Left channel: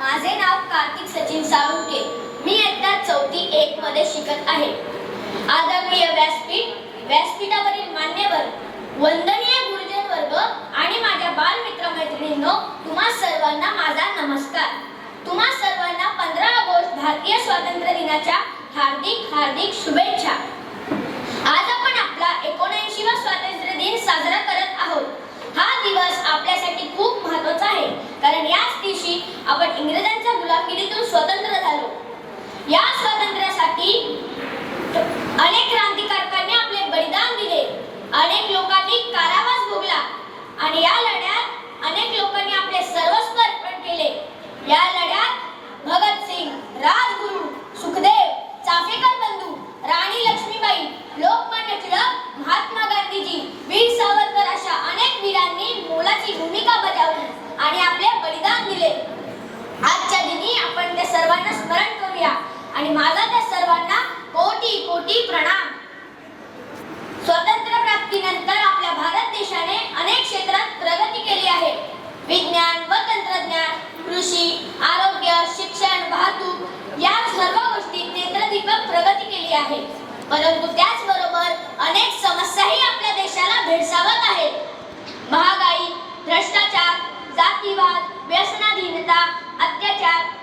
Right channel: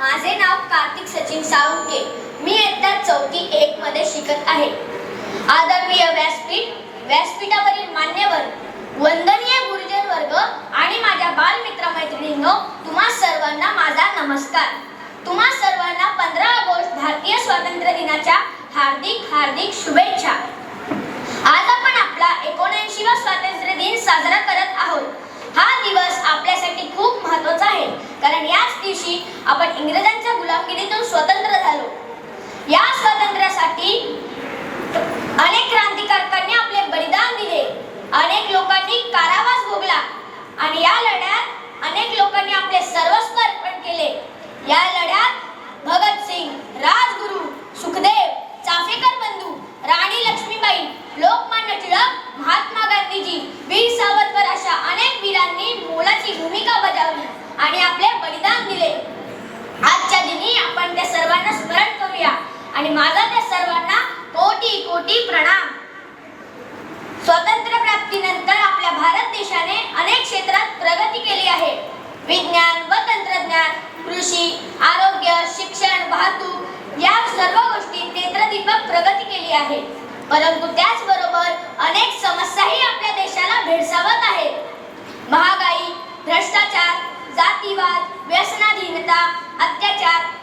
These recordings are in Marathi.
माझे नाव कार्तिक सचिन साळुंके. मी इयत्ता चौथी एक मध्ये शिकत आहे. आदरणीय व्यासपीठ व्यासपीठावरील मान्यवर वंदनीय गुरुजन वर्ग आणि माझ्या बालमित्र मैत्रिणींनो तुम्हा सर्वांना माझा नमस्कार. तुम्हा सर्वांना पंधरा ऑगस्ट भारतीय स्वातंत्र्य दिनाच्या हार्दिक हार्दिक शुभेच्छा. आज आपण आपला एकोणऐंशीवा स्वातंत्र्य दिन साजरा करत आहोत. हा दिवस आपल्यासाठी खूप महत्त्वाचा आहे. कारण याच आपण इंग्रजांच्या गुलामगिरीतून स्वतंत्र झालो. या स्वातंत्र्यासाठी अनेक क्रांतिकारकांनी आपले बलिदान दिले. अनेक लोकांनी कारावास भोगला. आणि या लढ्यात अनेक लोकांनी आपले सर्वस्व अर्पण केले. या आणि माझा त्या सर्वांना कोटी कोटी प्रणाम. स्वातंत्र्य प्राप्तीनंतर आपल्या भारत देशाने अनेक क्षेत्रात प्रगती केली आहे. विज्ञान व तंत्रज्ञान कृषी आरोग्य शिक्षण वाहतूक या सर्व गोष्टी नेत्रदीपक प्रगती केली आहे. परंतु त्याचबरोबर अनेक समस्याही आपल्या देशाला भेडसावत आहेत. महागाई भ्रष्टाचार जातीवाद व्यसनाधीनता अत्याचार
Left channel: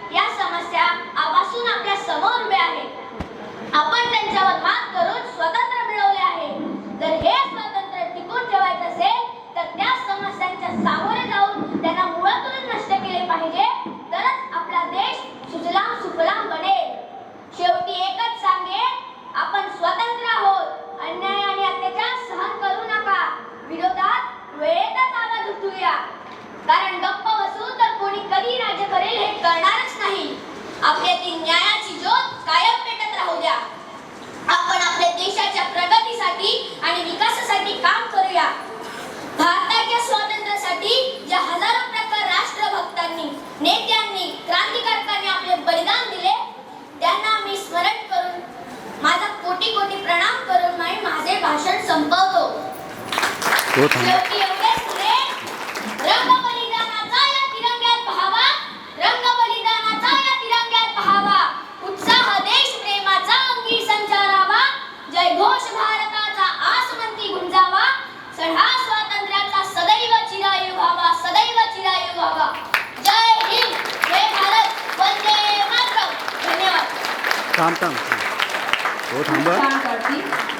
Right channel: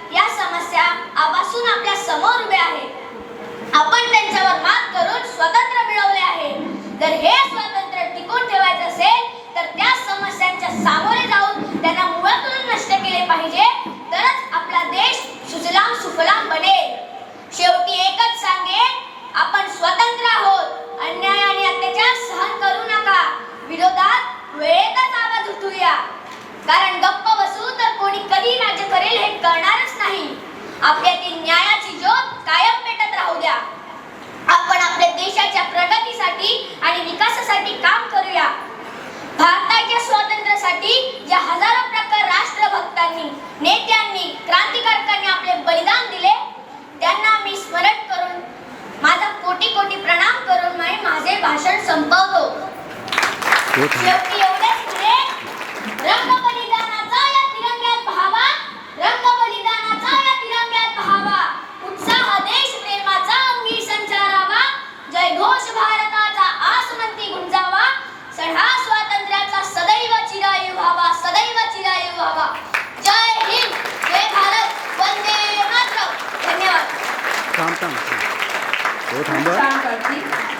आपण स्वतंत्र आहोत. अन्याय आणि अत्याचार सहन करू नका. विरोधात वेळेतच आवाज उठूया. कारण गप्प बसू तर कोणी कधी राज्य करेल हे कळणारच नाही. आपल्यातील न्यायाची ज्योत मातरम. धन्यवाद. थांब थांब हो थांबा.